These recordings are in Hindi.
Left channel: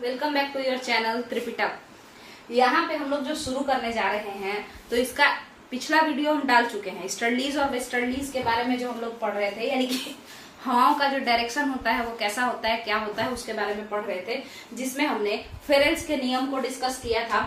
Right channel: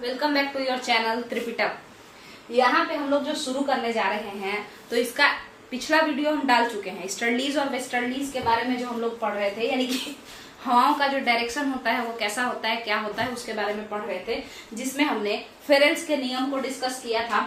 Welcome back to your channel Tripitak. यहाँ पे हम लोग जो शुरू करने जा रहे हैं तो इसका पिछला वीडियो हम डाल चुके हैं। ईस्टर्लीज और वेस्टर्लीज के बारे में जो हम लोग पढ़ रहे थे, यानी कि हवाओं का जो डायरेक्शन होता है वो कैसा होता है, क्या होता है, उसके बारे में पढ़ रहे थे, जिसमें हमने फेरेल्स के नियम को डिस्कस किया था।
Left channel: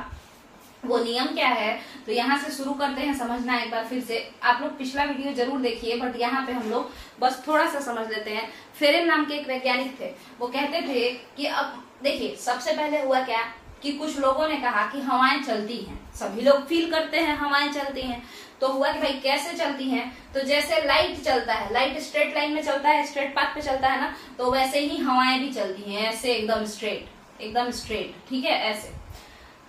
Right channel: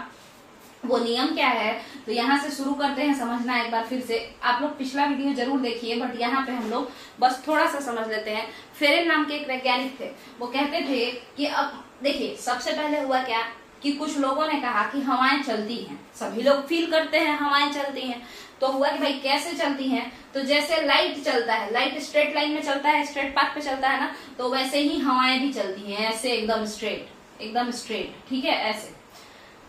वो नियम क्या है, तो यहाँ से शुरू करते हैं समझना एक बार फिर से। आप लोग पिछला वीडियो जरूर देखिए, बट यहाँ पे हम लोग बस थोड़ा सा समझ लेते हैं। फेरेल नाम के एक वैज्ञानिक थे, वो कहते थे कि अब देखिए, सबसे पहले हुआ क्या कि कुछ लोगों ने कहा कि हवाएं चलती हैं, सभी लोग फील करते हैं हवाएं चलती हैं। तो हुआ कि भाई कैसे चलती हैं, तो जैसे लाइट चलता है, लाइट स्ट्रेट लाइन में चलता है, स्ट्रेट पाथ पे चलता है ना, तो वैसे ही हवाएं भी चलती हैं, ऐसे एकदम स्ट्रेट, ठीक है, ऐसे।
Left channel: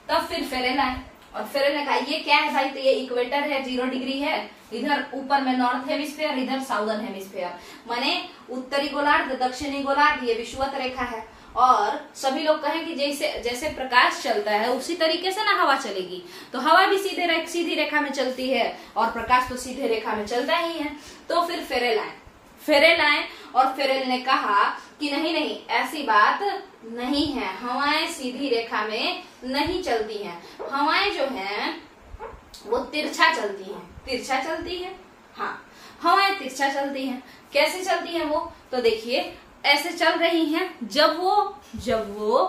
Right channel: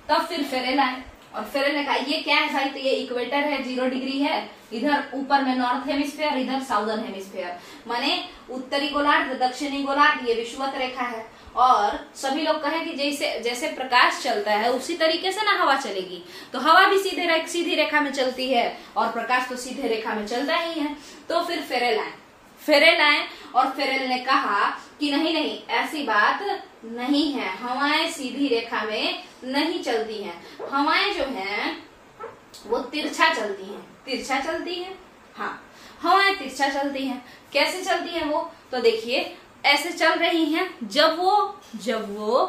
तब फिर फेरेल आए और फेरेल ने कहा ये क्या है भाई, तो ये इक्वेटर है, 0 डिग्री है, इधर ऊपर में नॉर्थ हेमिस्फीयर, इधर साउदर्न हेमिस्फीयर, माने उत्तरी गोलार्ध, दक्षिणी गोलार्ध, ये विषुवत रेखा है। और सभी लोग कहें कि जैसे प्रकाश चलता है उसी तरीके से ना हवा चलेगी, तो हवा भी सीधी रेखा में चलती है और प्रकाश तो सीधे रेखा में चलता ही है। तो फिर फेरेल आए और फेरेल ने कहा कि नहीं, ऐसी बात नहीं है, हवाएं सीधी रेखा में नहीं चलती हैं, हवाएं जो हैं वो तिरछा चलती है। हाँ, हवाएं तिरछा चलती हैं। कैसे चलती हैं वो, तो देखिए ऐसे चल रही हैं। जब वो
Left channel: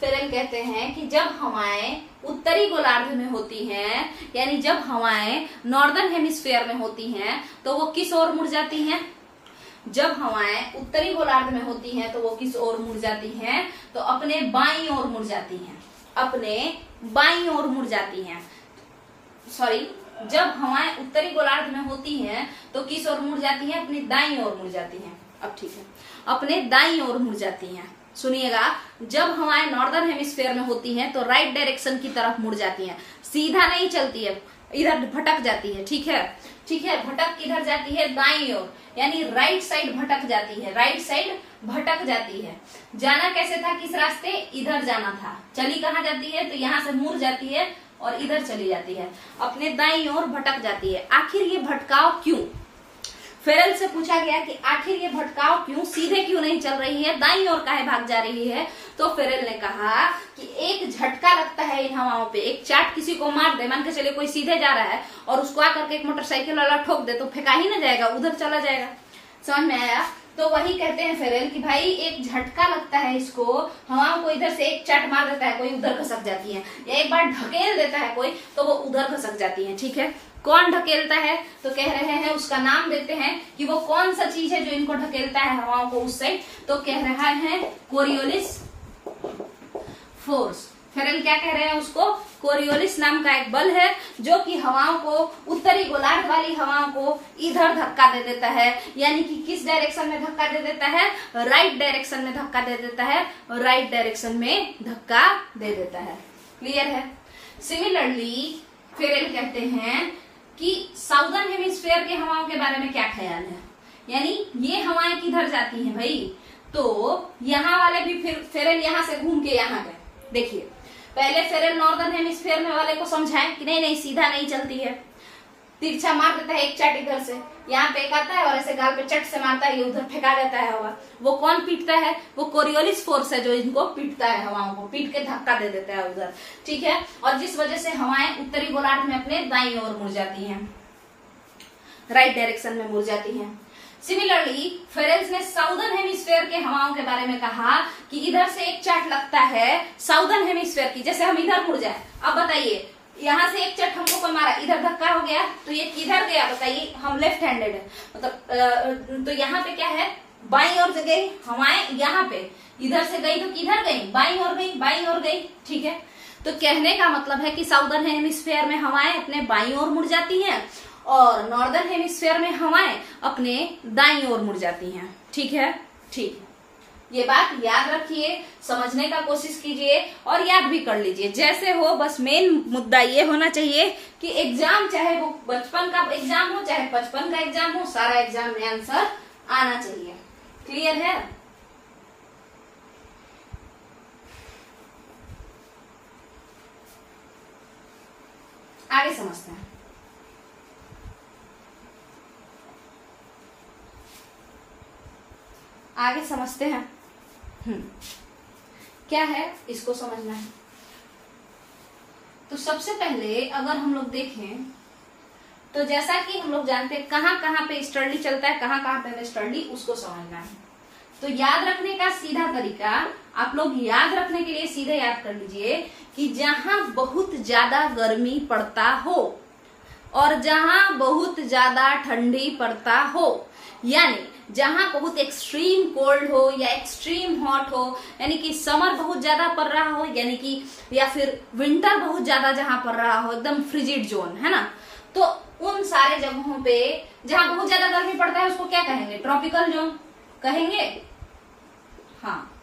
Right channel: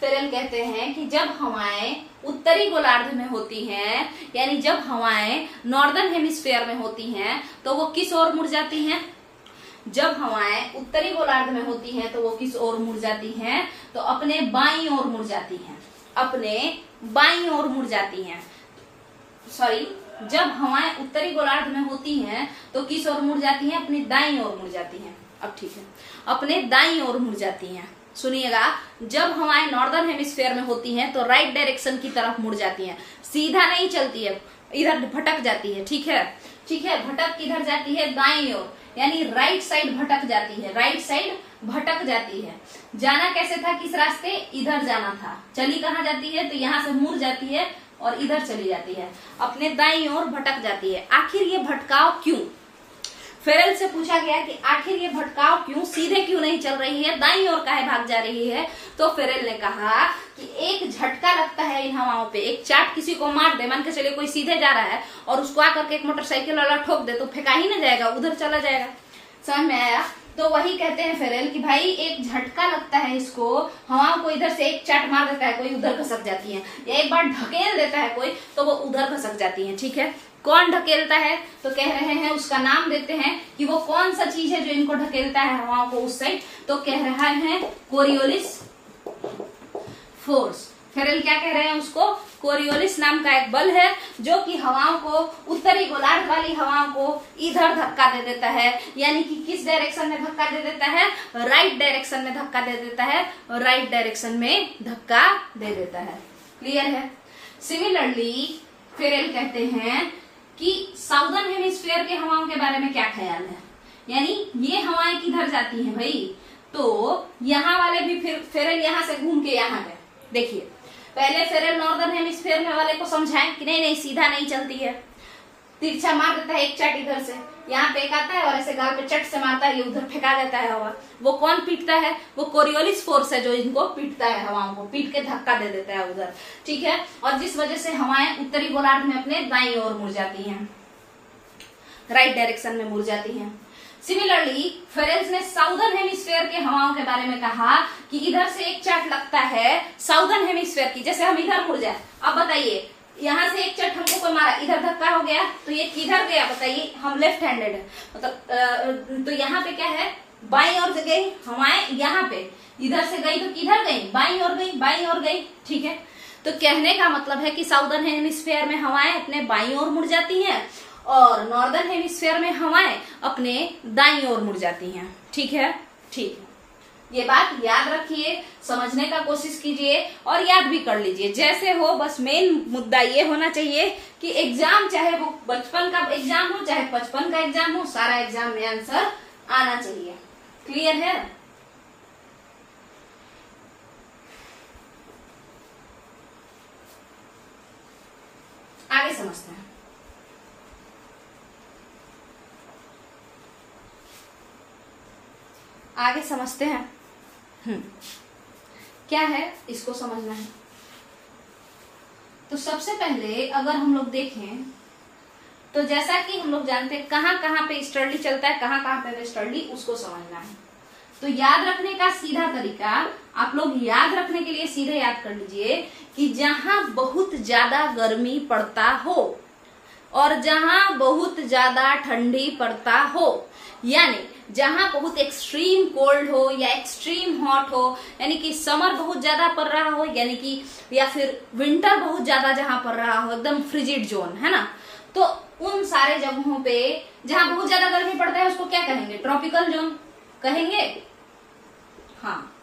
फेरेल कहते हैं कि जब हवाएं उत्तरी गोलार्ध में होती हैं, यानी जब हवाएं नॉर्दर्न हेमिस्फीयर में होती हैं, तो वो किस ओर मुड़ जाती हैं। जब हवाएं उत्तरी गोलार्ध में होती हैं तो वो किस ओर मुड़ जाती हैं, तो अपने बाईं ओर मुड़ जाती हैं। सॉरी, जब हवाएं उत्तरी गोलार्ध में होती हैं तो किस ओर मुड़ जाती हैं, अपनी दाईं ओर मुड़ जाती हैं। अब ठीक है, अपने दाईं ओर मुड़ जाती हैं। सुनिएगा, जब हवाएं नॉर्दर्न हेमिस्फीयर में होती हैं तो राइट डायरेक्शन की तरफ मुड़ जाती हैं, सीधा नहीं चलती है, इधर भटक जाती है। ठीक है, भटक किधर जाती है, दाईं ओर, यानी राइट साइड भटक जाती है। जाना कैसे था, किस रास्ते, इधर जाना था, चली कहाँ जाती है, तो यहाँ से मुड़ जाती है और इधर चली जाती है, अपने दाईं ओर भटक जाती है। आखिर ये भटकाव क्यों, फेरेल से पूछा गया कि आखिर ये भटकाव क्यों, सीधे क्यों नहीं चल रही है, दाईं ओर काहे भाग जा रही है। तो फेरेल ने कहा कि एक झटका लगता है इन हवाओं पे, एक चाट किसी को मार दे, मान के चलिए कोई सीधे जा रहा है और उसको आकर के एक मोटरसाइकिल वाला ठोक दे, तो फेंका ही ना जाएगा, उधर चला जाएगा। समझ में आया। तो वही कहते हैं फेरेल कि भाई एक झटका लगता है इसको, हवाओं को इधर से एक चाट मार देता है कोई, उधर खसक जाती है, या एक बार ढकेल देता है कोई तो वो उधर खसक जाती है। ठीक है, कौन ढकेलता है, तो कह रहे हैं उसका नाम देते हैं कि वो कौन सा चीज है जो इनको ढकेलता है हवाओं को उस साइड, तो कह रहा है कोरियोलिस फोर्स। फेरेल क्या कह रहे हैं, उसको कोरियोलिस नाम का एक बल है जो कि हवाओं को, उत्तरी गोलार्ध वाली हवाओं को इधर धक्का दे देता है, यानी कि किस डायरेक्शन में धक्का दे देता है, राइट डायरेक्शन में धक्का दे देता है, राइट डायरेक्शन में धक्का दे देता है। क्लियर है। सिमिलरली फेरेल कहते हैं कि साउदर्न हेमिस्फीयर के हवाओं के बारे में क्या ख्याल है, यानी ये हवाएं किधर जाती हैं भाई, तो यहाँ वाले भी फिर फेरेल यहाँ से घूम के यहाँ गए। देखिए, पहले फेरेल नॉर्दर्न हेमिस्फीयर में वाले को समझाएं कि नहीं सीधा नहीं चलती है, तिरछा मार देता है एक चाट इधर से, यहाँ पे एक आता है और ऐसे गाल पे चट से मारता है, ये उधर फेंका देता है हवा। वो कौन पीटता है, वो कोरियोलिस फोर्स है जो इनको पीटता है, हवाओं को पीट के धक्का दे देता है उधर। ठीक है, और जिस वजह से हवाएं उत्तरी गोलार्ध में अपने दाईं ओर मुड़ जाती हैं, राइट डायरेक्शन में मुड़ जाती हैं। सिमिलरली फेरेल्स ने साउदर्न हेमिस्फीयर के हवाओं के बारे में कहा कि इधर से एक चाट लगता है साउदर्न हेमिस्फीयर की, जैसे हम इधर मुड़ जाए। अब बताइए, यहाँ से एक चट हमको कोई मारा, इधर धक्का हो गया, तो ये किधर गया बताइए, हम लेफ्ट हैंडेड है, मतलब तो यहाँ पे क्या है, बाईं ओर गई हवाएं, यहाँ पे इधर से गई तो किधर गई, बाईं ओर गई। ठीक है, तो कहने का मतलब है कि साउदर्न हेमिस्फीयर में हवाएं अपने बाईं ओर मुड़ जाती हैं और नॉर्दर्न हेमिस्फीयर में हवाएं अपने दाईं ओर मुड़ जाती हैं। ठीक है, ये बात याद रखिए, समझने का कोशिश कीजिए और याद भी कर लीजिए जैसे हो। बस मेन मुद्दा ये होना चाहिए कि एग्जाम, चाहे वो बचपन का एग्जाम हो चाहे 55 का एग्जाम हो, सारा एग्जाम में आंसर आना चाहिए। क्लियर है। आगे समझते हैं। क्या है इसको समझना है। तो सबसे पहले अगर हम लोग देखें तो जैसा कि हम लोग जानते हैं कहाँ कहाँ पे ईस्टर्ली चलता है, कहाँ कहाँ पे वेस्टर्ली, उसको समझना है। तो याद रखने का सीधा तरीका, आप लोग याद रखने के लिए सीधे याद कर लीजिए कि जहां बहुत ज्यादा गर्मी पड़ता हो और जहां बहुत ज्यादा ठंडी पड़ता हो, यानी जहां बहुत एक्सट्रीम कोल्ड हो या एक्सट्रीम हॉट हो, यानी कि समर बहुत ज्यादा पड़ रहा हो, यानी कि या फिर विंटर बहुत ज्यादा जहां पड़ रहा हो, एकदम फ्रिजिड जोन है ना, तो उन सारे जगहों पे जहां बहुत ज्यादा गर्मी पड़ता है उसको क्या कहेंगे? ट्रॉपिकल जोन कहेंगे। हाँ,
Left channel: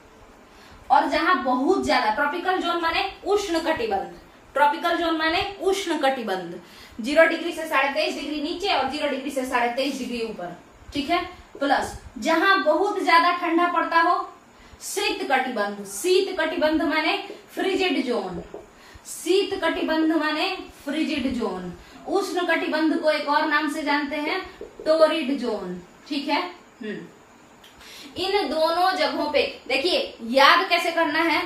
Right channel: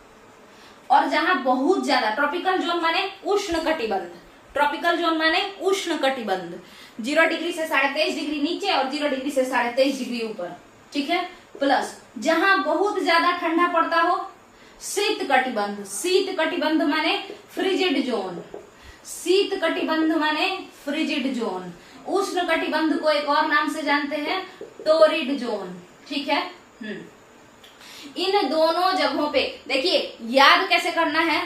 और जहां बहुत ज्यादा, ट्रॉपिकल जोन माने उष्ण कटिबंध, ट्रॉपिकल जोन माने उष्ण कटिबंध, 0 डिग्री से 23.5 डिग्री नीचे और 0 डिग्री से 23.5 डिग्री ऊपर, ठीक है। प्लस जहां बहुत ज्यादा ठंडा पड़ता हो, शीत कटिबंध, शीत कटिबंध माने फ्रिजिड जोन, शीत कटिबंध माने फ्रिजिड जोन, उष्ण कटिबंध को एक और नाम से जानते हैं टोरिड जोन, ठीक है। इन दोनों जगहों पे देखिए याद कैसे करना है,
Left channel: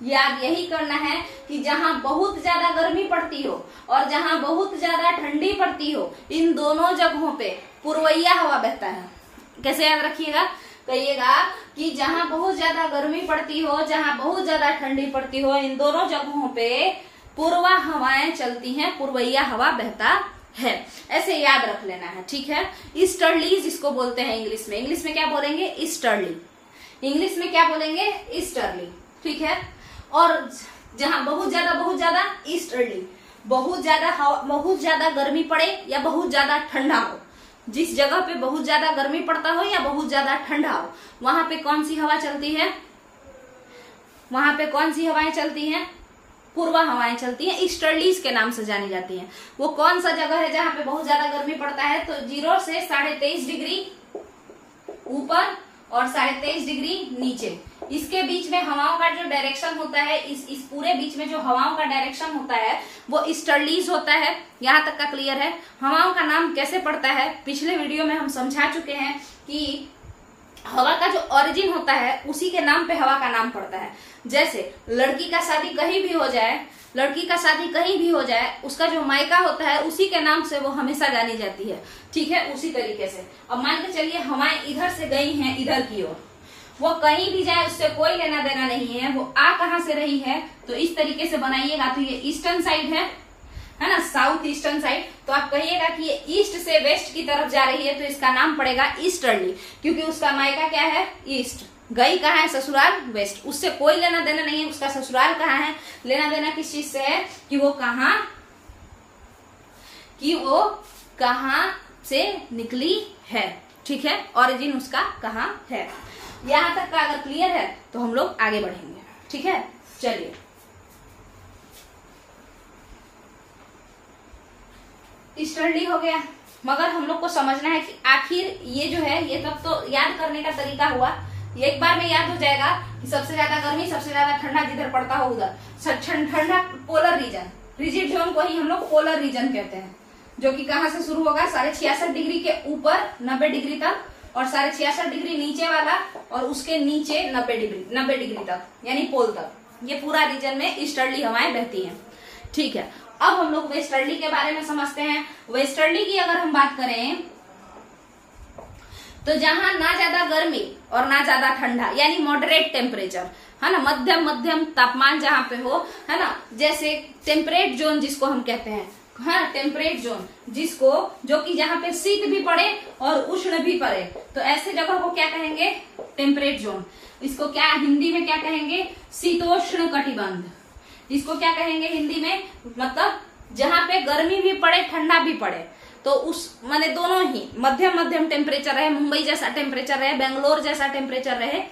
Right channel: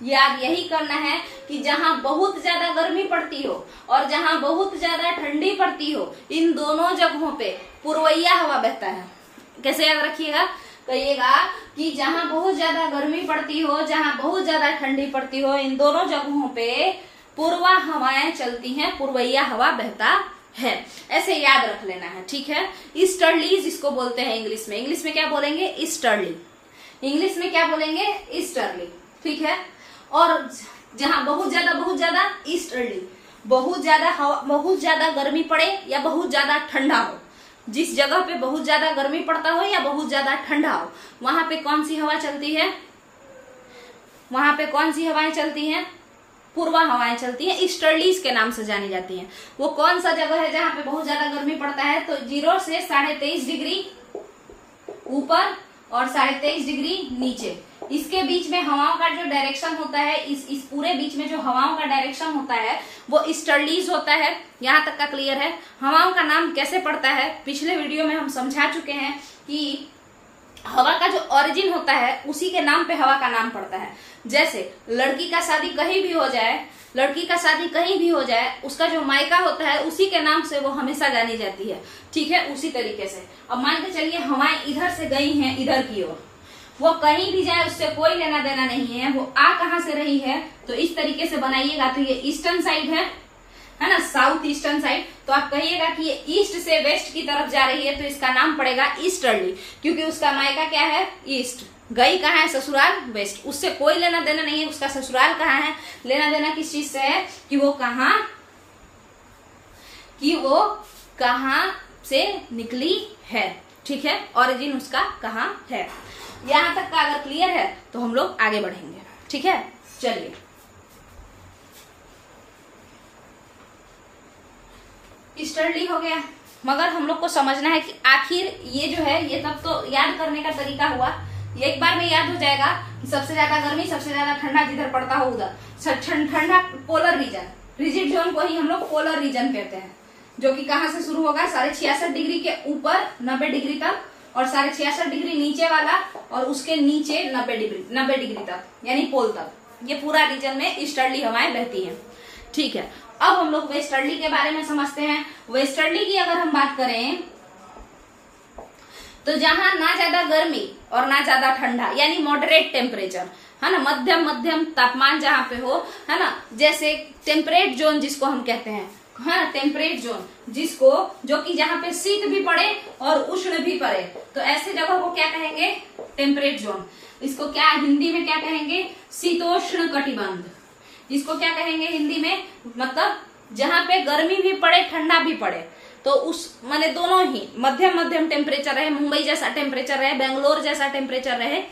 याद यही करना है कि जहां बहुत ज्यादा गर्मी पड़ती हो और जहां बहुत ज्यादा ठंडी पड़ती हो, इन दोनों जगहों पे पूर्वैया हवा बहता है। कैसे याद रखिएगा? कहिएगा कि जहां बहुत ज्यादा गर्मी पड़ती हो, जहां बहुत ज्यादा ठंडी पड़ती हो, इन दोनों जगहों पे पूर्वा हवाएं चलती हैं, पूर्वैया हवा बहता है। ऐसे याद रख लेना है, ठीक है। ईस्टर्लीज इसको बोलते हैं इंग्लिश में। इंग्लिश में क्या बोलेंगे? ईस्टर्ली। इंग्लिश में क्या बोलेंगे? ईस्टर्ली, ठीक है। और जहां बहुत ज्यादा ईस्टर्ली, बहुत ज्यादा गर्मी पड़े या बहुत ज्यादा ठंडा हो, जिस जगह पे बहुत ज्यादा गर्मी पड़ता हो या बहुत ज्यादा ठंडा हो, वहां पे कौन सी हवा चलती है? वहां पे कौन सी हवाएं चलती हैं? पूर्वा हवाएं चलती हैं, ईस्टर्लीज के नाम से जानी जाती हैं। वो कौन सा जगह है जहां पे बहुत ज्यादा गर्मी पड़ता है? तो 0 से 23.5 डिग्री ऊपर और 23.5 डिग्री नीचे, इसके बीच में हवाओं का जो डायरेक्शन होता है, इस पूरे बीच में जो हवाओं का डायरेक्शन होता है वो ईस्टर्लीज होता है। यहां तक का क्लियर है? हवाओं का नाम कैसे पड़ता है पिछले वीडियो में हम समझा चुके हैं कि हवा का जो ओरिजिन होता है उसी के नाम पे हवा का नाम पड़ता है। जैसे लड़की का शादी कहीं भी हो जाए, लड़की का शादी कहीं भी हो जाए, उसका जो मायका होता है उसी के नाम से वो हमेशा जानी जाती है, ठीक है। उसी तरीके से अब मान के चलिए हवाएं इधर से गई हैं इधर की ओर, वो कहीं भी जाए उससे कोई लेना देना नहीं है, वो आ कहां से रही है, तो इस तरीके से बनाइएगा तो ये ईस्टर्न साइड है ना, साउथ ईस्टर्न साइड। तो आप कहिएगा कि ये ईस्ट से वेस्ट की तरफ जा रही है तो इसका नाम पड़ेगा ईस्टर्ली, क्योंकि उसका मायका क्या है? ईस्ट। गई कहाँ है? ससुराल वेस्ट। उससे कोई लेना देना नहीं है, उसका ससुराल कहाँ है, लेना देना किस चीज से है कि वो कहाँ से निकली है, ठीक है। ओरिजिन उसका कहाँ है। यहां तक का अगर क्लियर है तो हम लोग आगे बढ़ेंगे, ठीक है। चलिए ईस्टर्ली हो गया, मगर हम लोग को समझना है कि आखिर ये जो है ये तब तो याद करने का तरीका हुआ, ये एक बार में याद हो जाएगा कि सबसे ज्यादा गर्मी सबसे ज्यादा ठंडा जिधर पड़ता हो उधर ठंडा पोलर रीजन, रिजिड जोन को ही हम लोग पोलर रीजन कहते हैं, जो कि कहाँ से शुरू होगा? 66.5 डिग्री के ऊपर 90 डिग्री तक और 66.5 डिग्री नीचे वाला और उसके नीचे 90 डिग्री तक, यानी पोल तक, ये पूरा रीजन में ईस्टर्ली हवाएं बहती हैं, ठीक है। अब हम लोग वेस्टर्ली के बारे में समझते हैं। वेस्टर्ली की अगर हम बात करें तो जहां ना ज्यादा गर्मी और ना ज्यादा ठंडा, यानी मॉडरेट टेम्परेचर है ना, मध्यम तापमान जहां पे हो, है ना, जैसे टेम्परेट जोन जिसको हम कहते हैं, हाँ टेम्परेट जोन, जिसको जो कि जहां पे शीत भी पड़े और उष्ण भी पड़े, तो ऐसे जगह को क्या कहेंगे? Temperate zone. इसको क्या हिंदी में क्या कहेंगे? शीतोष्ण कटिबंध। इसको क्या कहेंगे हिंदी में? मतलब जहां पे गर्मी भी पड़े ठंडा भी पड़े, तो उस माने दोनों ही मध्यम टेम्परेचर रहे, मुंबई जैसा टेम्परेचर रहे, बेंगलोर जैसा टेम्परेचर रहे,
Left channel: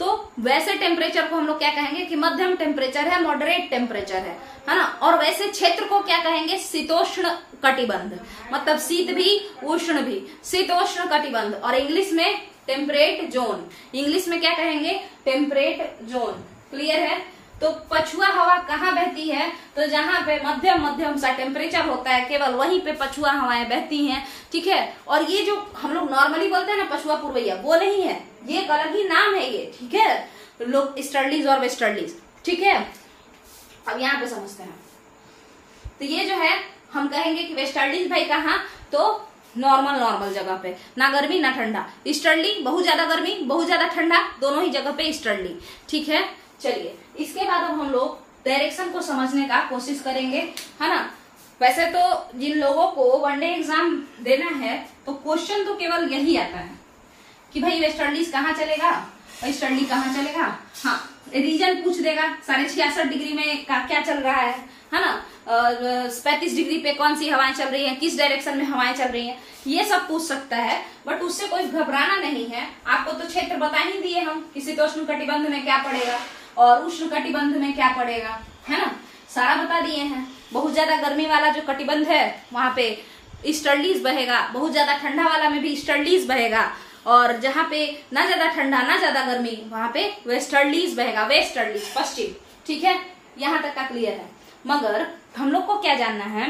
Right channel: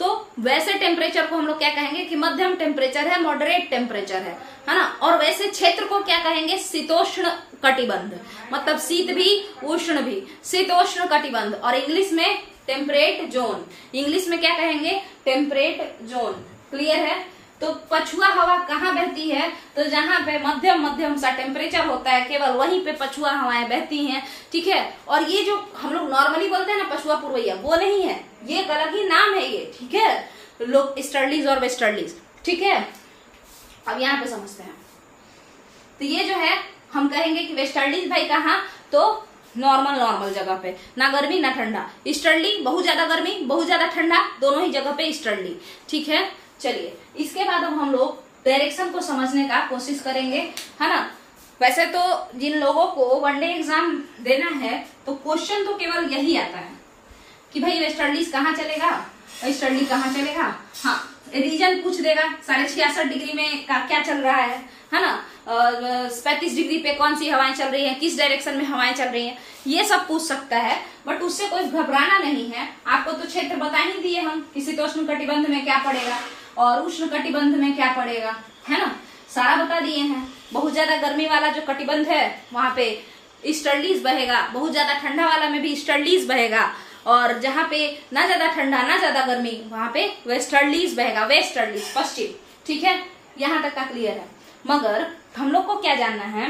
तो वैसे टेम्परेचर को हम लोग क्या कहेंगे कि मध्यम टेम्परेचर है, मॉडरेट टेम्परेचर है ना। और वैसे क्षेत्र को क्या कहेंगे? शीतोष्ण कटिबंध, मतलब शीत भी उष्ण भी, शीतोष्ण कटिबंध। और इंग्लिश में टेम्परेट जोन, इंग्लिश में क्या कहेंगे? Temperate zone. क्लियर है? तो पछुआ हवा कहाँ बहती है? तो जहां पे मध्यम सा टेम्परेचर होता है केवल वहीं पे पछुआ हवाएं बहती हैं, ठीक है। और ये जो हम लोग नॉर्मली बोलते हैं ना पछुआ पूर्वैया, वो नहीं है, ये एक अलग ही नाम है ये, ठीक है। लोग ईस्टर्लीज और वेस्टर्लीज। ठीक है, अब यहाँ पे समझते हैं। तो ये जो है हम कहेंगे कि वेस्टर्लीज भाई कहाँ, तो नॉर्मल जगह पे, ना गर्मी ना ठंडा। ईस्टर्ली बहुत ज्यादा गर्मी बहुत ज्यादा ठंडा, दोनों ही जगह पे ईस्टर्ली। ठीक है, चलिए इसके बाद अब हम लोग डायरेक्शन को समझने का कोशिश करेंगे, है ना। वैसे तो जिन लोगों को वनडे एग्जाम देना है तो क्वेश्चन तो केवल यही आता है कि भाई वेस्टर्लीज कहाँ चलेगा, ईस्टर्ली कहाँ चलेगा। हाँ, रीजन पूछ देगा 66.5 डिग्री में क्या चल रहा है ना। 35 डिग्री पे कौन सी हवाएं चल रही हैं, किस डायरेक्शन में हवाएं चल रही हैं, ये सब पूछ सकता है। बट उससे कोई घबराना नहीं है। आपको तो क्षेत्र बता ही दिए हम कि शीतोष्ण कटिबंध में क्या पड़ेगा और उष्ण कटिबंध में क्या पड़ेगा, है ना, सारा बता दिए हैं। बहुत ज्यादा गर्मी वाला जो कटिबंध है वहां पे ईस्टर्लीज बहेगा, बहुत ज्यादा ठंडा वाला में भी ईस्टर्लीज बहेगा, और जहाँ पे ना ज्यादा ठंडा ना ज्यादा गर्मी वहां पे वेस्टर्लीज बहेगा, वेस्टर्लीज पश्चिम। ठीक है, यहाँ तक का क्लियर है। मगर हम लोग को क्या जानना है,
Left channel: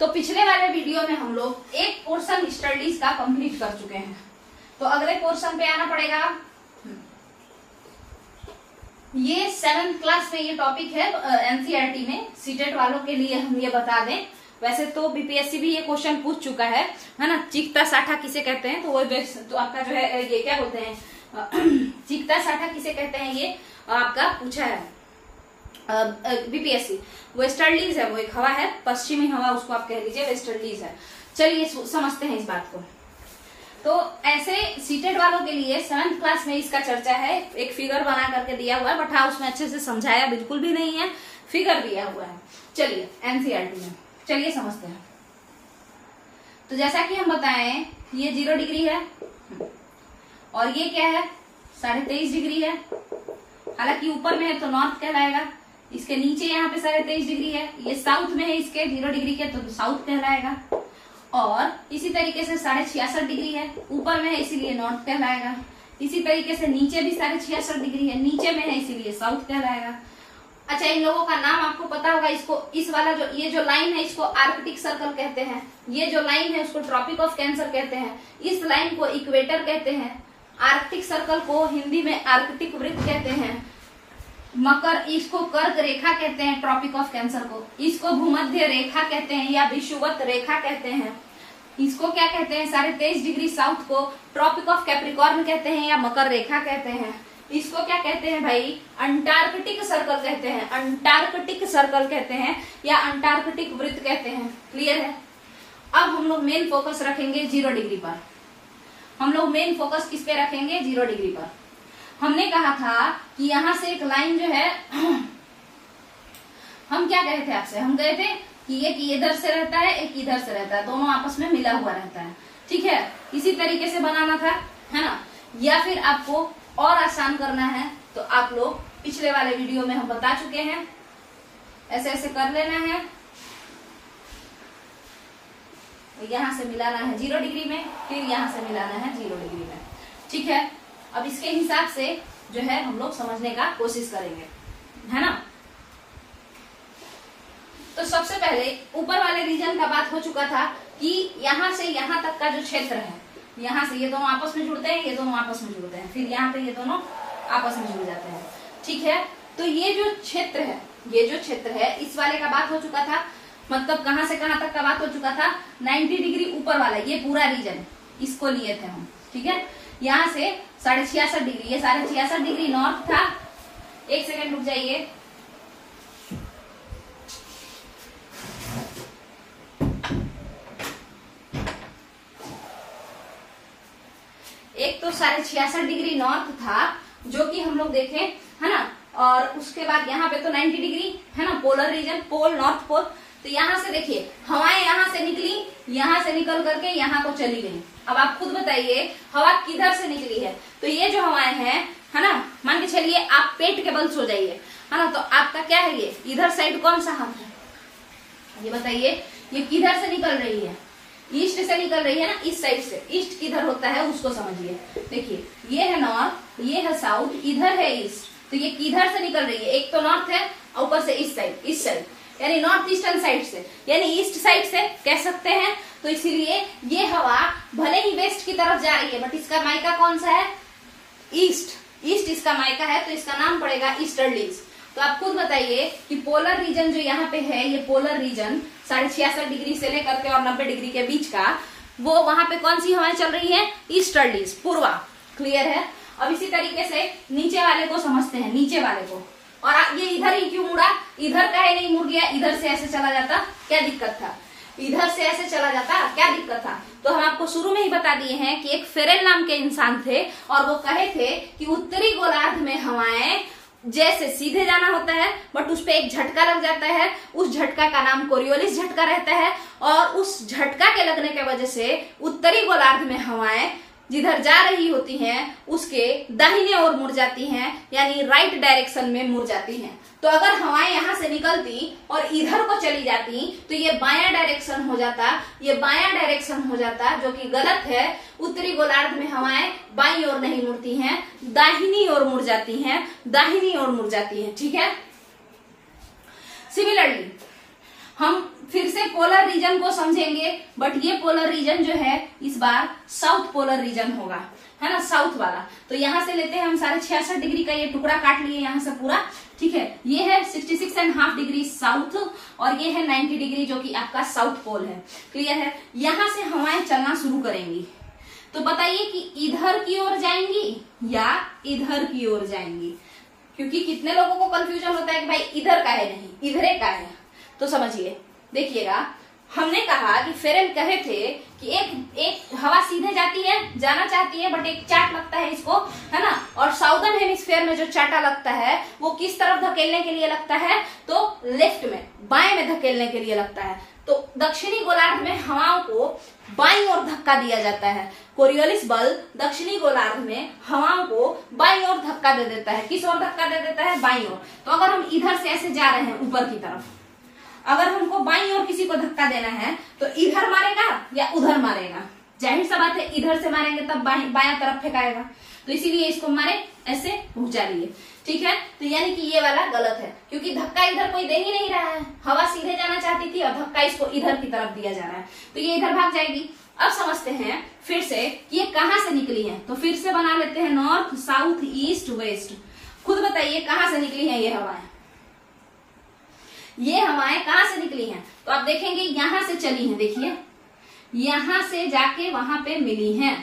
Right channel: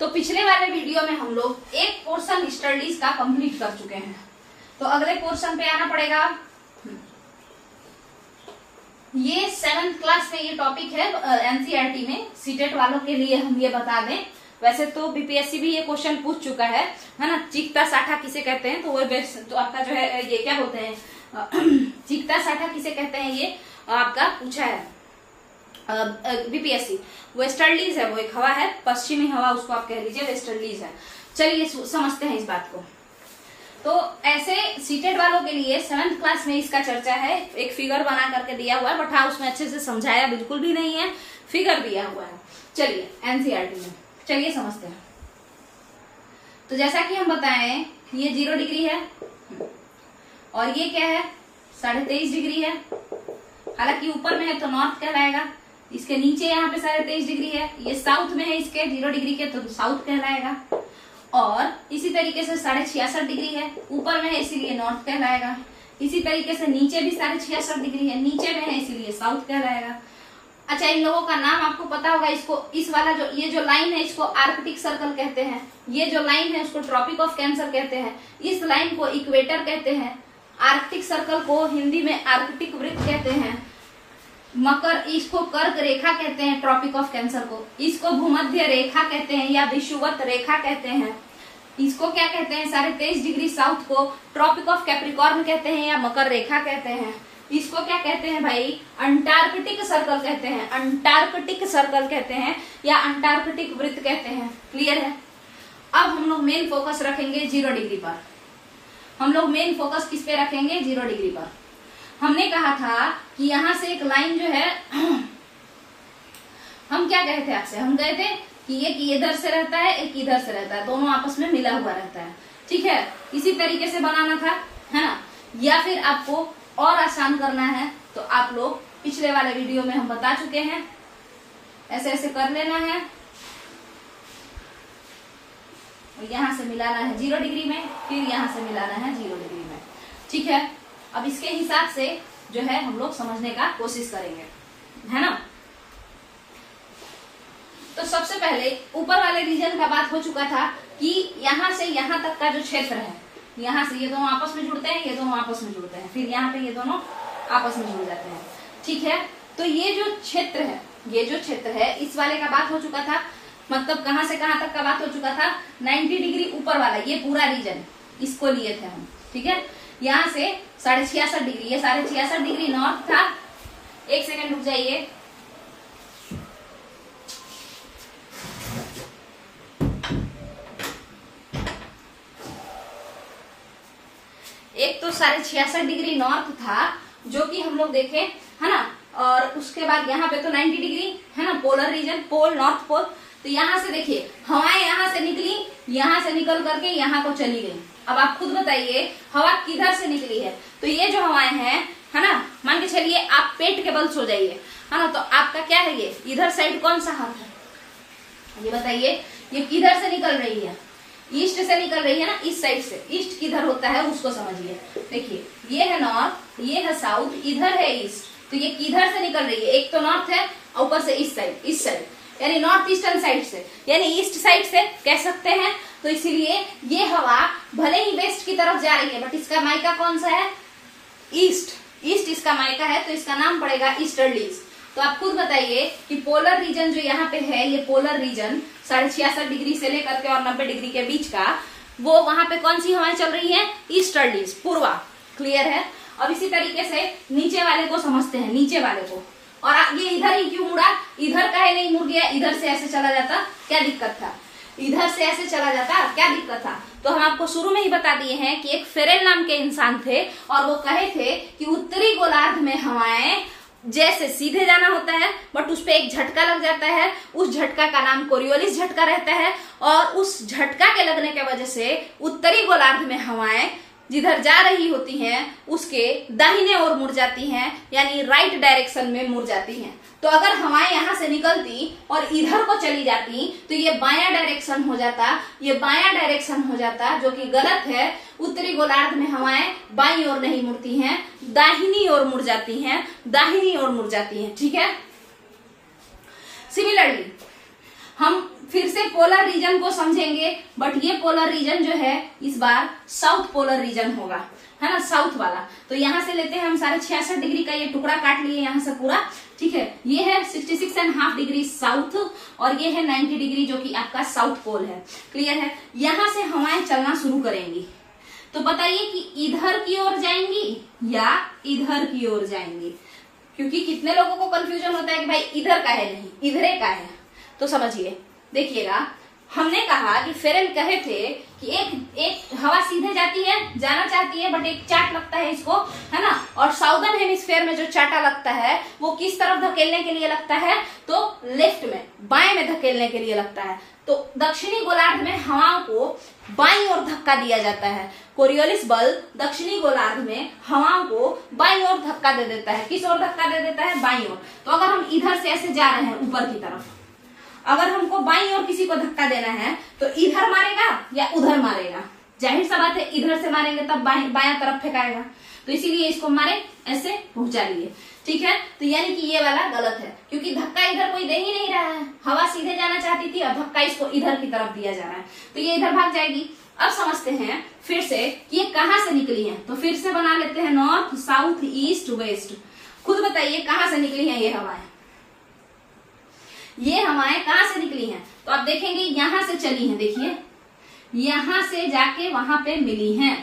तो पिछले वाले वीडियो में हम लोग एक पोर्शन ईस्टर्लीज का कंप्लीट कर चुके हैं, तो अगले पोर्शन पे आना पड़ेगा। ये 7th क्लास में ये टॉपिक है एनसीईआरटी में, सीटेट वालों के लिए हम ये बता दें। वैसे तो बीपीएससी भी ये क्वेश्चन पूछ चुका है ना। चीखता साठा किसे कहते हैं, तो वो तो आपका जो है ये क्या बोलते हैं, चीखता साठा किसे कहते हैं, ये आपका पूछा है बीपीएससी। वेस्टर्लीज है वो एक हवा है, पश्चिमी हवा उसको आप कह लीजिए वेस्टर्लीज है। चलिए समझते हैं इस बात को। तो ऐसे सीटेट वालों के लिए 7th क्लास में इसका चर्चा है, एक फिगर बना करके दिया हुआ है, बट हाँ उसमें अच्छे से समझाया बिल्कुल भी नहीं है, फिगर दिया हुआ है। चलिए एनसीईआरटी में, चलिए समझते हैं। तो जैसा कि हम बताएं ये 0 डिग्री है और ये क्या है 23.5 डिग्री है। हालांकि ऊपर में है तो नॉर्थ कहलाएगा, इसके नीचे यहाँ पे 23.5 डिग्री है, ये साउथ में है इसके 0 डिग्री के, तो साउथ कहलाएगा। और इसी तरीके से 66.5 डिग्री है, ऊपर में है इसीलिए नॉर्थ कहलाएगा। इसी तरीके से नीचे भी 66.5 डिग्री है, नीचे में है इसीलिए साउथ कहलाएगा। अच्छा, इन लोगों का नाम आपको पता होगा, इसको इस वाला जो ये जो लाइन है इसको आर्कटिक सर्कल कहते हैं, ये जो लाइन है उसको ट्रॉपिक ऑफ कैंसर कहते हैं, इस लाइन को इक्वेटर कहते हैं, आर्कटिक सर्कल को हिंदी में आर्कटिक वृत्त कहते हैं, मकर इसको कर्क रेखा कहते हैं, ट्रॉपिक ऑफ कैंसर को, इसको भूमध्य रेखा कहते हैं या विषुवत रेखा कहते हैं, इसको क्या कहते हैं 23.5 डिग्री साउथ को ट्रॉपिक ऑफ कैप्रिकॉर्न कहते हैं या मकर रेखा कहते हैं, इसको क्या कहते हैं भाई अंटार्कटिक सर्कल कहते हैं, अंटार्कटिक सर्कल कहते हैं या अंटार्कटिक वृत्त कहते हैं। क्लियर है। अब हम लोग मेन फोकस रखेंगे 0 डिग्री पर। हम लोग मेन फोकस किस पे रखेंगे 0 डिग्री पर। हमने कहा था कि यहां से एक लाइन जो है हम क्या कहे थे आपसे, हम गए थे कि एक इधर से रहता है एक इधर से रहता है, दोनों आपस में मिला हुआ रहता है। ठीक है, इसी तरीके से बनाना था, है ना। या फिर आपको और आसान करना है तो आप लोग पिछले वाले वीडियो में हम बता चुके हैं, ऐसे ऐसे कर लेना है, यहां से मिलाना है 0 डिग्री में, फिर यहां से मिलाना है 0 डिग्री में। ठीक है, अब इसके हिसाब से जो है हम लोग समझने का कोशिश करेंगे, है ना। तो सबसे पहले ऊपर वाले रीजन का बात हो चुका था कि यहां से यहां तक का जो क्षेत्र है, यहाँ से ये दोनों आपस में जुड़ते हैं, ये दोनों आपस में जुड़ते हैं, फिर यहाँ पे ये दोनों आपस में जुड़ जाते हैं। ठीक है, तो ये जो क्षेत्र है, ये जो क्षेत्र है इस वाले का बात हो चुका था, मतलब कहां से कहां तक का बात हो चुका था 90 डिग्री ऊपर वाला, ये पूरा रीजन इसको लिए थे हम। ठीक है, यहाँ से 66.5 डिग्री, ये 66.5 डिग्री नॉर्थ था। एक सेकेंड रुक जाइए, एक तो 66.5 डिग्री नॉर्थ था जो कि हम लोग देखे, है ना। और उसके बाद यहाँ पे तो 90 डिग्री है ना, polar region, pole north pole. तो यहाँ से देखिए हवाएं यहाँ से निकली, यहाँ से निकल करके यहाँ को चली गई। अब आप खुद बताइए हवा किधर से निकली है, तो ये जो हवाएं हैं, है ना, मान के चलिए आप पेट के बल सो जाइए, है ना, तो आपका क्या है ये इधर साइड कौन सा हाथ है, ये बताइए ये किधर से निकल रही है, ईस्ट से निकल रही है ना, इस साइड से। ईस्ट किधर होता है उसको समझिए। देखिए ये है नॉर्थ, ये है साउथ, इधर है ईस्ट, तो ये किधर से निकल रही है, एक तो नॉर्थ है और ऊपर से इस साइड, इस साइड यानी नॉर्थ ईस्टर्न साइड से, यानी ईस्ट साइड से कह सकते हैं। तो इसीलिए ये हवा भले ही वेस्ट की तरफ जा रही है बट इसका मायका कौन सा है, ईस्ट, ईस्ट इसका मायका है, तो इसका नाम पड़ेगा ईस्टर्लीज। तो आप खुद बताइए कि पोलर रीजन जो यहाँ पे है, ये पोलर रीजन 66.5 डिग्री से लेकर के और 90 डिग्री के बीच का, वो वहां पे कौन सी हवाएं चल रही है? ईस्टर्लीज, पूर्वा। क्लियर है। अब इसी तरीके से नीचे वाले को समझते हैं, नीचे वाले को। और ये इधर ही क्यों मुड़ा? इधर का ही नहीं मुड़ गया, इधर से ऐसे चला जाता, क्या दिक्कत था? इधर से ऐसे चला जाता, क्या दिक्कत था? तो हम आपको शुरू में ही बता दिए हैं कि एक फेरेल नाम के इंसान थे और वो कहे थे कि उत्तरी गोलार्ध में हवाएं जैसे सीधे जाना होता है, बट उस पे एक झटका लग जाता है, उस झटका का नाम कोरियोलिस झटका रहता है, और उस झटका के लगने के वजह से उत्तरी गोलार्ध में हवाएं जिधर जा रही होती हैं उसके दाहिने ओर मुड़ जाती हैं, यानी राइट डायरेक्शन में मुड़ जाती हैं। तो अगर हवाएं यहाँ से निकलती और इधर को चली जाती तो ये बायां डायरेक्शन हो जाता, ये बायां डायरेक्शन हो जाता, जो कि गलत है। उत्तरी गोलार्ध में हवाएं बाईं ओर नहीं मुड़ती हैं, दाहिनी ओर मुड़ जाती हैं, दाहिनी ओर मुड़ जाती हैं। ठीक है। सिमिलरली हम फिर से पोलर रीजन को समझेंगे, बट ये पोलर रीजन जो है इस बार साउथ पोलर रीजन होगा, है ना, साउथ वाला। तो यहाँ से लेते हैं हम 66.5 डिग्री का ये टुकड़ा काट लिए यहाँ से पूरा। ठीक है। ये है 66.5 डिग्री साउथ और ये है 90 डिग्री जो कि आपका साउथ पोल है। क्लियर है। यहाँ से हवाएं चलना शुरू करेंगी, तो बताइए कि इधर की ओर जाएंगी या इधर की ओर जाएंगी? क्योंकि कितने लोगों को कंफ्यूजन होता है कि भाई इधर का है, नहीं इधरे का है। तो समझिए, देखिएगा, हमने कहा कि फेरेल कहे थे कि एक हवा सीधे जाती है, जाना चाहती है, बट एक चाट लगता है इसको, है ना। और साउदर्न हेमिस्फीयर में जो चाटा लगता है वो किस तरफ धकेलने के लिए लगता है? तो लेफ्ट में, बाएं में धकेलने के लिए लगता है। तो दक्षिणी गोलार्ध में हवाओं को बाईं ओर धक्का दिया जाता है। कोरियोलिस बल दक्षिणी गोलार्ध में हवाओं को बाईं ओर धक्का दे देता है। किस ओर धक्का दे देता है? बाईं ओर। तो अगर हम इधर से ऐसे जा रहे हैं ऊपर की तरफ, अगर हमको बाईं ओर किसी को धक्का देना है तो इधर मारेगा या उधर मारेगा? जाहिर सा बात है इधर से मारेंगे तब बायां तरफ फेंकाएगा, तो इसीलिए इसको मारे, ऐसे पहुंचा लिए। ठीक है। तो यानी कि ये वाला गलत है, क्योंकि धक्का इधर कोई दे ही नहीं रहा है। हवा सीधे जाना चाहती थी और धक्का इसको इधर की तरफ दिया जा रहा है, तो ये इधर भाग जाएगी। अब समझते हैं फिर से कि ये कहाँ से निकली है। तो फिर से बना लेते हैं नॉर्थ, साउथ, ईस्ट, वेस्ट। खुद बताइए कहाँ से निकली है ये हवाएं? ये हवाएं कहाँ से निकली हैं? तो आप देखेंगे यहां से चली हैं, देखिए यहां से जाके वहां पे मिली हैं,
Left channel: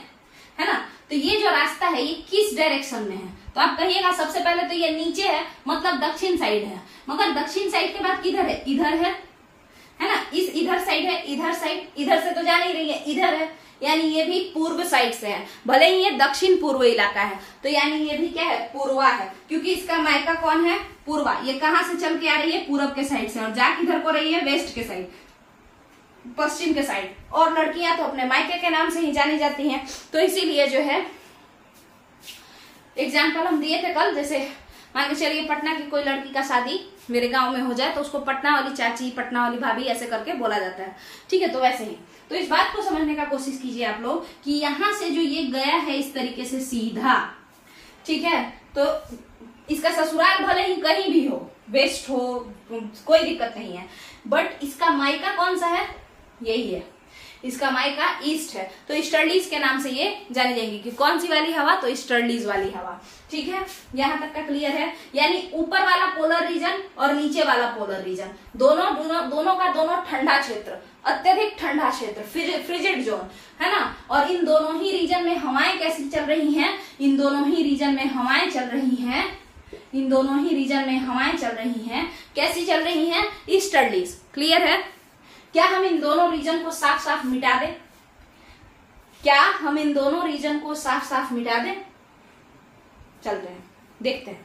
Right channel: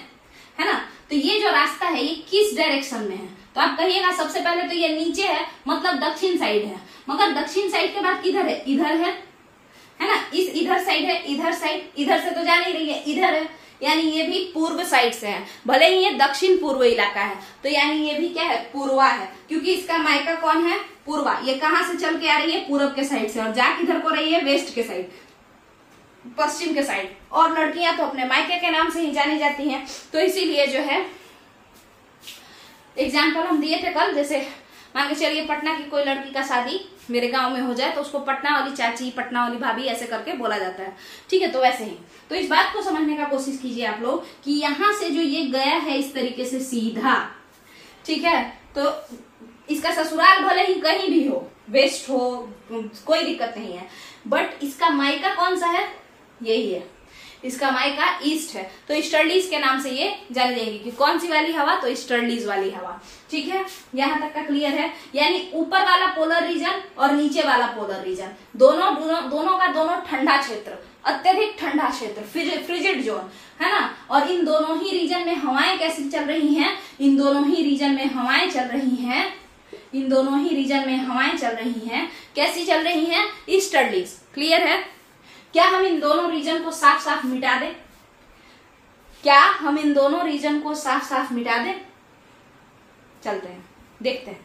है ना। तो ये जो रास्ता है ये किस डायरेक्शन में है? तो आप कहिएगा सबसे पहले तो ये नीचे है, मतलब दक्षिण साइड है। मगर दक्षिण साइड के बाद किधर है? इधर है ना। इस इधर साइड है, इधर साइड, इधर से तो जा नहीं रही है, इधर है, यानी ये भी पूर्व साइड से है। भले ही ये दक्षिण पूर्व इलाका है, तो यानी ये भी क्या है? पूर्वा है, क्योंकि इसका मायका कौन है? पूर्वा। ये कहाँ से चल के आ रही है? पूर्व के साइड से, और जा किधर को रही है? वेस्ट के साइड, पश्चिम के साइड। और लड़कियां तो अपने मायके के नाम से ही जानी जाती हैं, तो इसीलिए जो है एग्जाम्पल हम दिए थे कल, जैसे मान के चलिए पटना की कोई लड़की का शादी मेरे गांव में हो जाए तो उसको पटना वाली चाची, पटना वाली भाभी ऐसे करके बोला जाता है। ठीक है। तो वैसे ही, तो इस बात को समझने का कोशिश कीजिए आप लोग कि यहां से जो ये गया है इस तरीके से सीधा, ठीक है, तो इसका ससुराल भले ही कहीं भी हो, वेस्ट हो, कोई दिक्कत नहीं है, बट इसका मायका कौन सा है? यही है, इसका मायका ईस्ट है। तो ईस्टर्लीज के नाम से ये जानी जाएगी कि कौन सी वाली हवा? तो ईस्टर्लीज वाली हवा। ठीक है। यहां तक का क्लियर है। यानी ऊपर वाला पोलर रीजन और नीचे वाला पोलर रीजन, दोनों का दोनों ठंडा क्षेत्र, अत्यधिक ठंडा क्षेत्र, फ्रिजिड जोन, है ना। और इन दोनों ही रीजन में हवाएं कैसी चल रही हैं? इन दोनों ही रीजन में हवाएं चल रही हैं, इन दोनों ही रीजन में हवाएं चल रही हैं। कैसी चल रही हैं? ईस्टर्लीज। क्लियर है। क्या हम इन दोनों रीजन को साफ साफ मिटा दें? क्या हम इन दोनों रीजन को साफ साफ मिटा दें? चलते हैं, देखते हैं।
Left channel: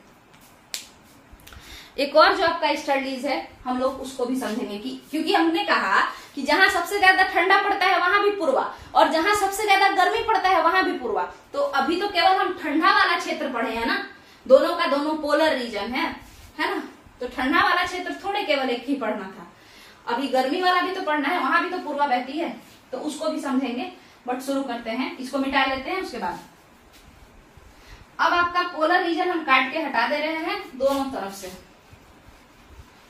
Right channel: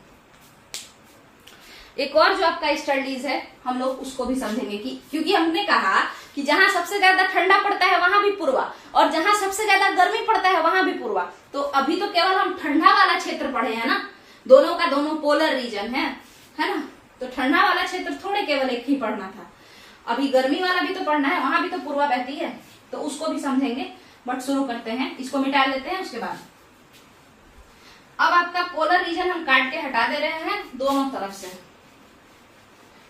एक और जो आपका ईस्टर्लीज है हम लोग उसको भी समझेंगे कि क्योंकि हमने कहा कि जहां सबसे ज्यादा ठंडा पड़ता है वहां भी पूर्वा, और जहां सबसे ज्यादा गर्मी पड़ता है वहां भी पूर्वा। तो अभी तो केवल हम ठंडा वाला क्षेत्र पढ़े हैं ना, दोनों का दोनों पोलर रीजन है ना। तो ठंडा वाला क्षेत्र थोड़े केवल एक ही पढ़ना था, अभी गर्मी वाला भी तो पढ़ना है, वहां भी तो पूर्वा बहती है, तो उसको भी समझेंगे। बट शुरू करते हैं, इसको मिटा लेते हैं। उसके बाद अब आपका पोलर रीजन हम काट के हटा दे रहे हैं दोनों तरफ से।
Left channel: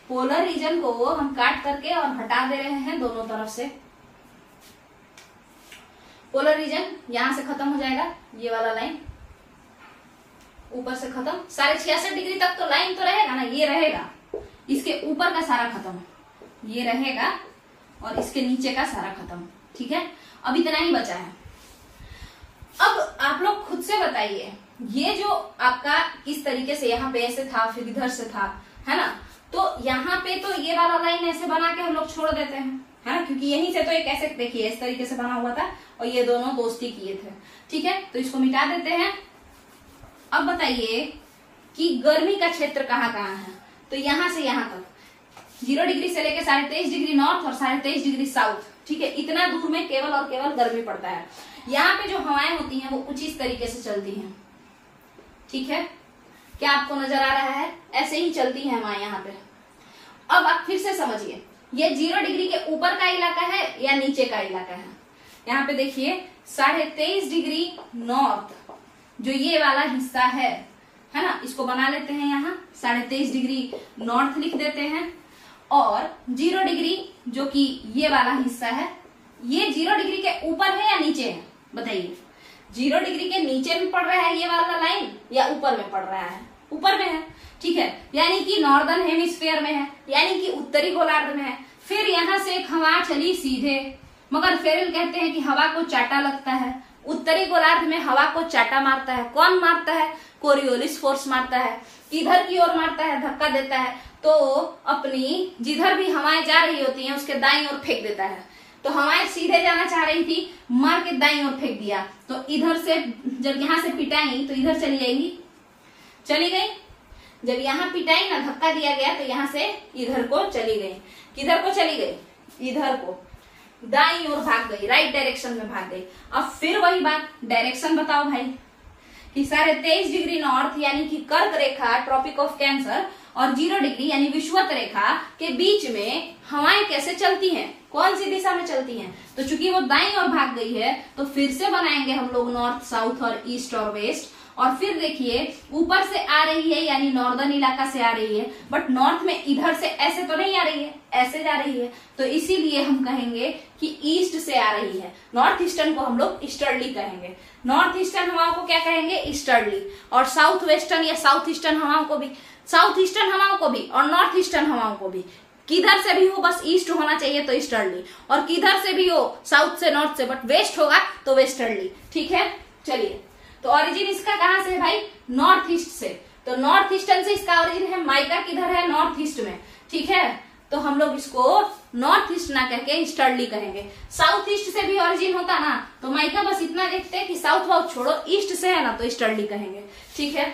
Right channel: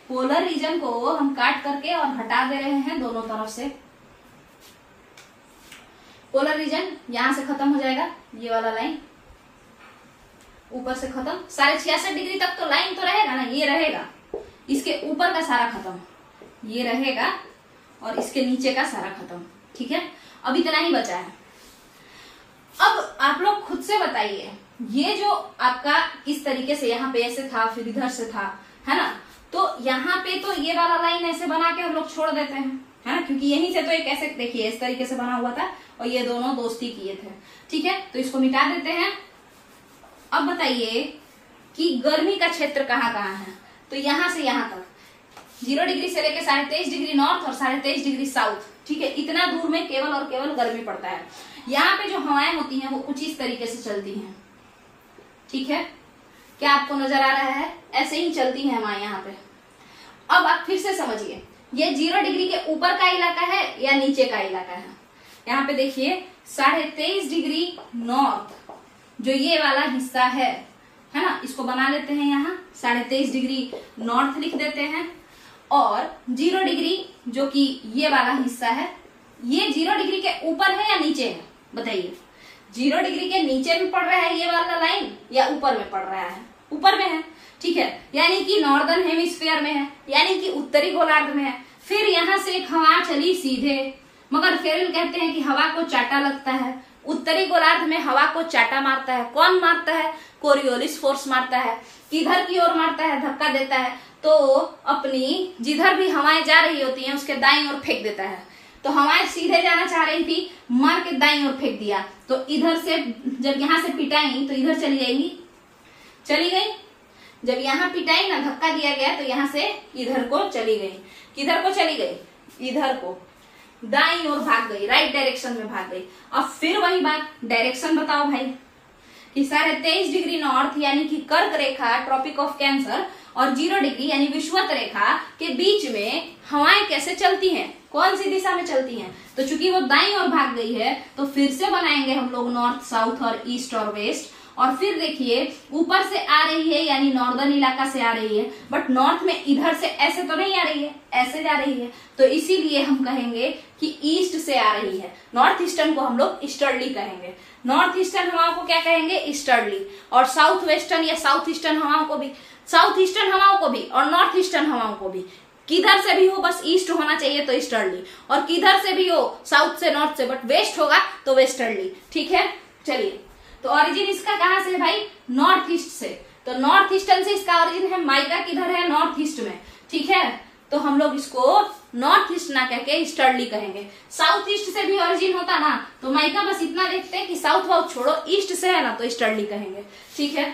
पोलर रीजन को हम काट करके और हटा दे रहे हैं दोनों तरफ से। पोलर रीजन यहां से खत्म हो जाएगा, ये वाला लाइन, ऊपर से खत्म। 66.5 डिग्री तक तो लाइन तो रहेगा ना, ये रहेगा, इसके ऊपर का सारा खत्म, ये रहेगा, और इसके नीचे का सारा खत्म। ठीक है, अब इतना ही बचा है। अब आप लोग खुद से बताइए, ये जो आपका इस तरीके से यहाँ पे ऐसे था, फिर इधर से था, है ना, तो यहाँ पे तो ये वाला लाइन ऐसे बना के हम लोग छोड़ देते हैं, है ना, क्योंकि यहीं से तो एक ऐसे देखिए इस तरीके से बना हुआ था और ये दोनों दोस्ती किए थे। ठीक है, तो इसको मिटा देते हैं। अब बताइए कि गर्मी का क्षेत्र कहाँ कहाँ है, तो यहाँ से यहाँ तक 0 डिग्री से लेके 23.5 डिग्री नॉर्थ और 23.5 डिग्री साउथ। ठीक है, इतना दूर में केवल और केवल गर्मी पड़ता है। यहाँ पे जो हवाएं होती हैं वो कुछ इस तरीके से चलती हैं। ठीक है, क्या आपको नजर आ रहा है, ऐसे ही चलती हैं हवाएं यहाँ पे। अब आप फिर से समझिए, ये 0 डिग्री के ऊपर का इलाका है या नीचे का इलाका है। यहाँ पे देखिए 23.5 डिग्री नॉर्थ जो ये वाला हिस्सा है ना, इसको बना लेते हैं, यहाँ 23.5 डिग्री नॉर्थ लिख देते हैं। और 0 डिग्री जो कि ये वाला हिस्सा है, ये 0 डिग्री के ऊपर है या नीचे है, बताइए। 0 डिग्री के नीचे में पड़ रहा है ये वाला लाइन या ऊपर में पड़ रहा है, ऊपर में है। ठीक है, यानी कि नॉर्दर्न हेमिस्फीयर में है, यानी कि उत्तरी गोलार्ध में है। फिर यहाँ से एक हवा चली सीधे, मगर फेरेल कहते हैं कि हवा को चाटा लगता है। उत्तरी गोलार्ध में हवा को चाटा मारता है, कौन मारता है, कोरियोलिस फोर्स मारता है, किधर की ओर मारता है, धक्का देता है, तो अपनी जिधर भी हवाएं जा रही होती हैं उसके दाईं ओर फेंक देता है। तो हवाएं सीधे जाना चाह रही थी, मार के दाईं ओर फेंक दिया, तो इधर से जब यहाँ से पिटाई तो इधर चली जाएंगी, चली गई। जब यहाँ पिटाई ना, धक्का दिया गया, तो यहाँ से इधर को चली गई। किधर को चली गई, इधर को, दाईं ओर भाग गई, राइट डायरेक्शन में भाग गई। अब फिर वही बात, डायरेक्शन बताओ भाई, कि 23.5 डिग्री नॉर्थ यानी कि कर्क रेखा, ट्रॉपिक ऑफ कैंसर, और 0 डिग्री यानी विषुवत रेखा के बीच में हवाएं कैसे चलती हैं, कौन सी दिशा में चलती हैं। तो चूंकि वो दाईं ओर भाग गई है, तो फिर से बनाएंगे हम लोग नॉर्थ, साउथ और ईस्ट और वेस्ट। और फिर देखिए ऊपर से आ रही है, यानी नॉर्दर्न इलाका से आ रही है, बट नॉर्थ में इधर से ऐसे तो नहीं आ रही है, ऐसे जा रही है, तो इसीलिए हम कहेंगे कि ईस्ट से आ रही है। नॉर्थ ईस्टर्न को हम लोग ईस्टर्ली कहेंगे, नॉर्थ ईस्टर्न हवाओं को क्या कहेंगे, ईस्टर्ली। और साउथ वेस्टर्न या साउथ ईस्टर्न हवाओं को भी, साउथ ईस्टर्न हवाओं को भी और नॉर्थ ईस्टर्न हवाओं को भी, किधर से भी हो बस ईस्ट होना चाहिए तो ईस्टर्ली, और किधर से भी हो, साउथ से, नॉर्थ से, बट वेस्ट होगा तो वेस्टर्ली। ठीक है, चलिए, तो ओरिजिन इसका कहाँ से है भाई, नॉर्थ ईस्ट से। तो नॉर्थ ईस्टर्न से इसका ओरिजिन है, माइका किधर है, नॉर्थ ईस्ट में। ठीक है, तो हम लोग इसको नॉर्थ ईस्ट ना कह के ईस्टर्ली कहेंगे। साउथ ईस्ट से भी ओरिजिन होता ना, तो माइका बस इतना देखते हैं कि साउथ वाउथ छोड़ो, ईस्ट से है ना, तो ईस्टर्ली कहेंगे। ठीक है,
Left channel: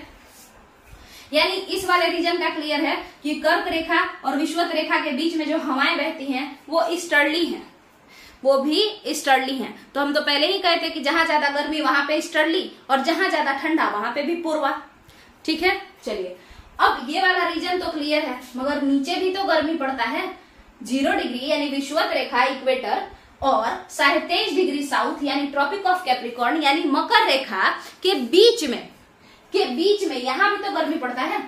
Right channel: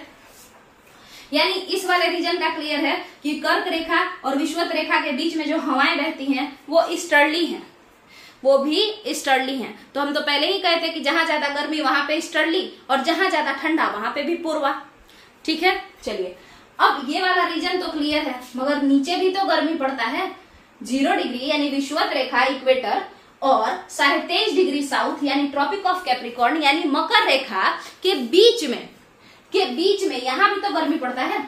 यानी इस वाले रीजन का क्लियर है कि कर्क रेखा और विषुवत रेखा के बीच में जो हवाएं बहती हैं वो ईस्टर्ली हैं, वो भी ईस्टर्ली हैं। तो हम तो पहले ही कहते कि जहां ज्यादा गर्मी वहां पे ईस्टर्ली, और जहां ज्यादा ठंडा वहां पे भी पूर्वा। ठीक है, चलिए, अब ये वाला रीजन तो क्लियर है, मगर नीचे भी तो गर्मी पड़ता है। 0 डिग्री यानी विषुवत रेखा, इक्वेटर, और 23.5 डिग्री साउथ यानी ट्रॉपिक ऑफ कैप्रिकॉर्न यानी मकर रेखा के बीच में यहाँ भी तो गर्मी पड़ता है।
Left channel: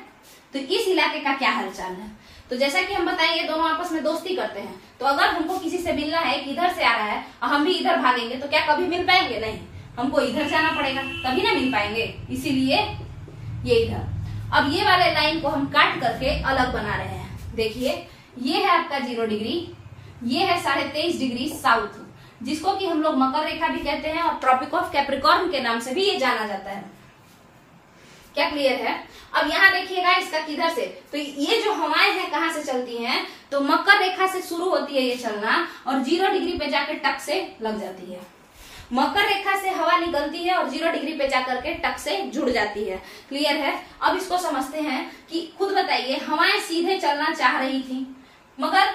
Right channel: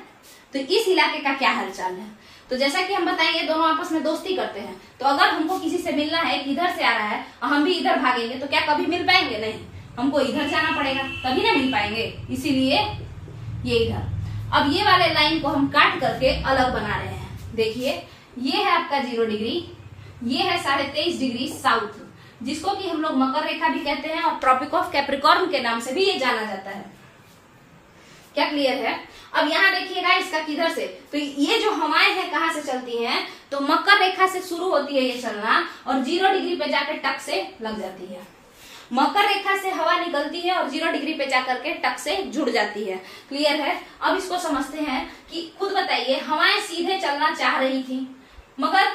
तो इस इलाके का क्या हालचाल है, तो जैसा कि हम बताएं, ये दोनों आपस में दोस्ती करते हैं। तो अगर हमको किसी से मिलना है कि इधर से आ रहा है और हम भी इधर भागेंगे, तो क्या कभी मिल पाएंगे, नहीं, हमको इधर जाना पड़ेगा, तभी ना मिल पाएंगे, इसीलिए ये इधर। अब ये वाले लाइन को हम काट करके अलग बना रहे हैं। देखिए, ये है आपका 0 डिग्री, ये है 23.5 डिग्री साउथ, जिसको कि हम लोग मकर रेखा भी कहते हैं और ट्रॉपिक ऑफ कैप्रिकॉर्न के नाम से भी ये जाना जाता है। क्या क्लियर है? अब यहाँ देखिएगा इसका किधर से, तो ये जो हवाएं हैं कहाँ से चलती हैं, तो मकर रेखा से शुरू होती है ये चलना, और 0 डिग्री पे जाकर टक से लग जाती है। मकर रेखा से हवा निकलती है और 0 डिग्री पे जाकर के टक से जुड़ जाती है। क्लियर है? अब इसको समझते हैं कि खुद बताइए, हवाएं सीधे चलना चाह रही थी, मगर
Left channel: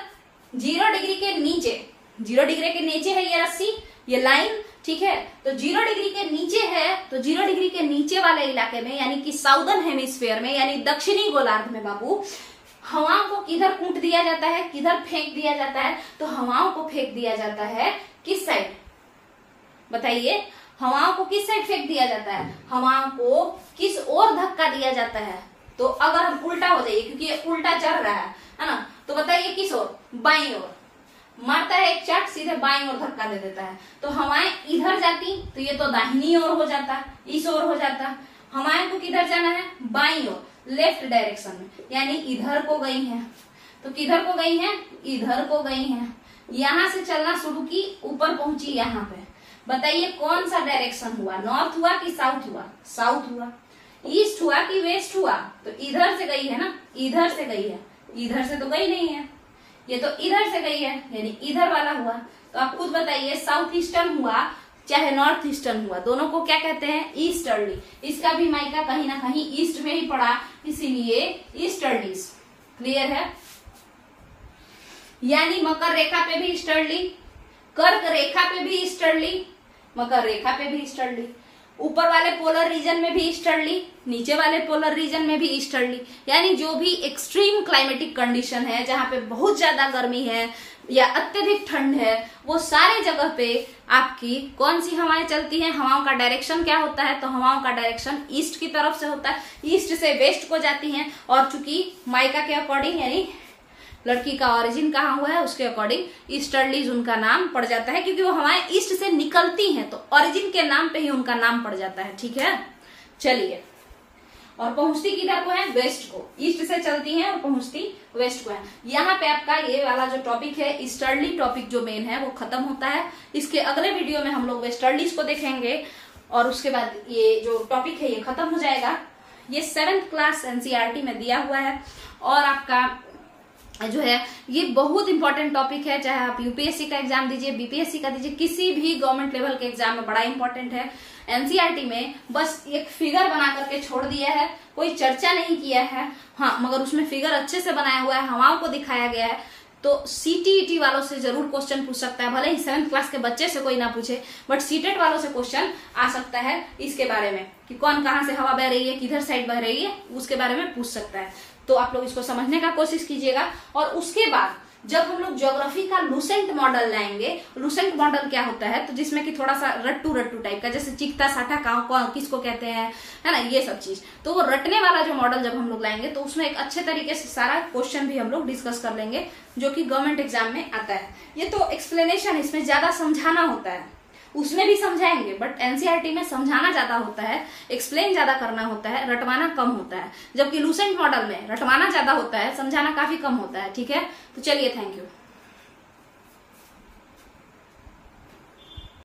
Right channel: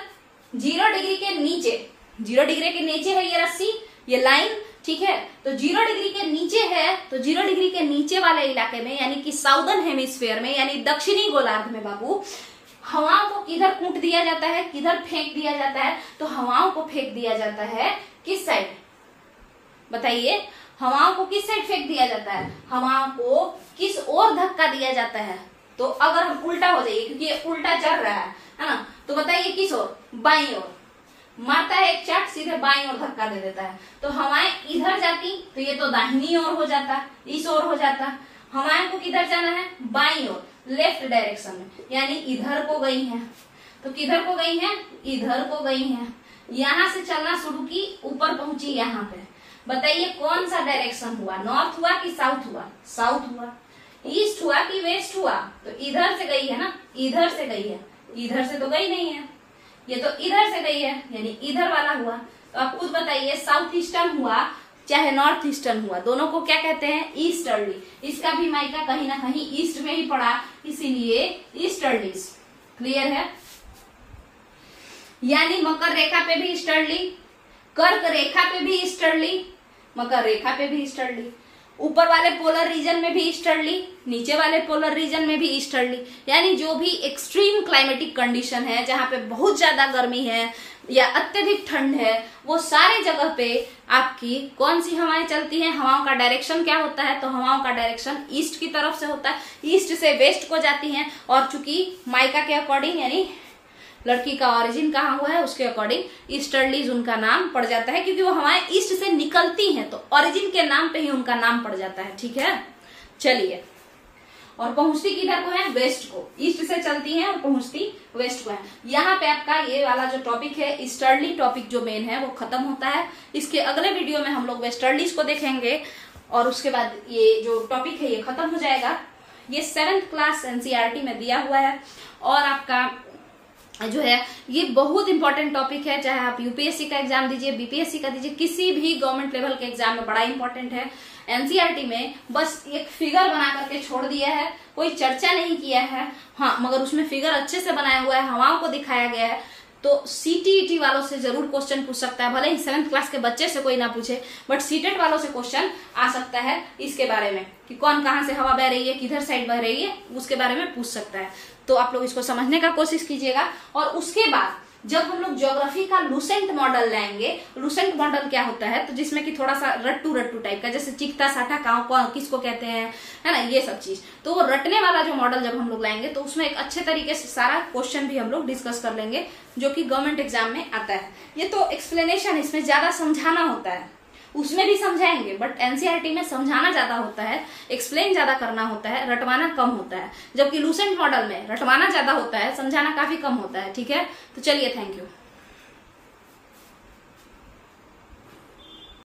0 डिग्री के नीचे, 0 डिग्री के नीचे है ये रस्सी, ये लाइन, ठीक है, तो 0 डिग्री के नीचे है, तो 0 डिग्री के नीचे वाले इलाके में यानी कि साउदर्न हेमिस्फीयर में यानी दक्षिणी गोलार्ध में बाबू, हवाओं को किधर कूट दिया जाता है, किधर फेंक दिया जाता है, तो हवाओं को फेंक दिया जाता है किस साइड, बताइए, हवाओं को किस साइड फेंक दिया जाता है, हवाओं को किस ओर धक्का दिया जाता है। तो अगर हम उल्टा हो जाइए, क्योंकि ये उल्टा चल रहा है ना, तो बताइए किस ओर, बाईं ओर मारता है एक चाट, सीधे बाईं ओर धक्का दे देता है, तो हवाएं इधर जाती तो ये तो दाहिनी ओर हो जाता, इस ओर हो जाता, हवाएं को किधर जाना है, बाईं ओर, लेफ्ट डायरेक्शन में, यानी इधर को गई है। तो किधर को गई है, इधर को गई है। यहां से चलना शुरू की, ऊपर पहुंची यहाँ पे। बताइए कौन सा डायरेक्शन हुआ, नॉर्थ हुआ कि साउथ हुआ, साउथ हुआ। ईस्ट हुआ कि वेस्ट हुआ, तो इधर से गई है ना, इधर से गई है, इधर से तो गई नहीं है, ये तो इधर से गई है, यानी इधर वाला हुआ। तो आप खुद बताइए साउथ ईस्टर्न हुआ चाहे नॉर्थ ईस्टर्न हुआ, दोनों को क्या कहते हैं, ईस्टर्ली। इसका भी मायका कहीं ना कहीं ईस्ट में ही पड़ा, इसीलिए ईस्टर्लीज। क्लियर है। यानी मकर रेखा पे भी ईस्टर्ली, कर्क रेखा पे भी ईस्टर्ली, मकर रेखा पे भी ईस्टर्ली, ऊपर वाले पोलर रीजन में भी ईस्टर्ली, नीचे वाले पोलर रीजन में भी ईस्टर्ली। यानी जो भी एक्सट्रीम क्लाइमेटिक कंडीशन है, जहां पे बहुत ज्यादा गर्मी है या अत्यधिक ठंड है, वो सारे जगह पे आपकी कौन सी हवाएं चलती हैं, हवाओं का डायरेक्शन क्या होता है, तो हवाओं का डायरेक्शन ईस्ट की तरफ से होता है, ईस्ट से वेस्ट को जाती हैं। और चूंकि माइका के अकॉर्डिंग, यानी लड़की का ओरिजिन कहाँ हुआ है उसके अकॉर्डिंग ईस्टर्लीज उनका नाम पड़ जाता है, क्योंकि वो हवाएं ईस्ट से निकलती हैं, तो ओरिजिन के नाम पे ही उनका नाम पड़ जाता है। ठीक है, चलिए। और पहुंचती किधर को है, वेस्ट को, ईस्ट से चलती हैं और पहुंचती वेस्ट को है। यहाँ पे आपका ये वाला जो टॉपिक है, ईस्टर्ली टॉपिक जो मेन है, वो खत्म होता है। इसके अगले वीडियो में हम लोग वेस्टर्लीज को देखेंगे और उसके बाद ये जो टॉपिक है ये खत्म हो जाएगा। ये 7th क्लास एनसीईआरटी में दिया हुआ है और आपका जो है ये बहुत इंपॉर्टेंट टॉपिक है, चाहे आप यूपीएससी का एग्जाम दीजिए, बीपीएससी का दीजिए, किसी भी गवर्नमेंट लेवल के एग्जाम में बड़ा इंपॉर्टेंट है। एनसीईआरटी में बस एक फिगर बना करके छोड़ दिया है, कोई चर्चा नहीं किया है। हाँ, मगर उसमें फिगर अच्छे से बनाया हुआ है, हवाओं को दिखाया गया है। तो सीटीईटी वालों से जरूर क्वेश्चन पूछ सकता है, भले ही 7th क्लास के बच्चे से कोई ना पूछे, बट सीटेट वालों से क्वेश्चन आ सकता है इसके बारे में कि कौन कहाँ से हवा बह रही है, किधर साइड बह रही है, उसके बारे में पूछ सकता है। तो आप लोग इसको समझने का कोशिश कीजिएगा। और उसके बाद जब हम लोग ज्योग्राफी का लूसेंट मॉडल लाएंगे, लूसेंट मॉडल क्या होता है, तो जिसमें कि थोड़ा सा रट्टू रट्टू टाइप का, जैसे चिकता साठा किसको कहते हैं, है ना, ये सब चीज। तो वो रटने वाला जो मॉडल जब हम लोग लाएंगे तो उसमें एक अच्छे तरीके से सारा क्वेश्चन भी हम लोग डिस्कस कर लेंगे, जो कि गवर्नमेंट एग्जाम में आता है। ये तो एक्सप्लेनेशन, इसमें ज्यादा समझाना होता है, उसमें भी समझाएंगे, बट एनसीईआरटी में समझाना ज्यादा होता है, एक्सप्लेन ज्यादा करना होता है, रटवाना कम होता है। जबकि लूसेंट मॉडल में रटवाना ज्यादा होता है, समझाना काफी कम होता है। ठीक है, तो चलिए, थैंक यू।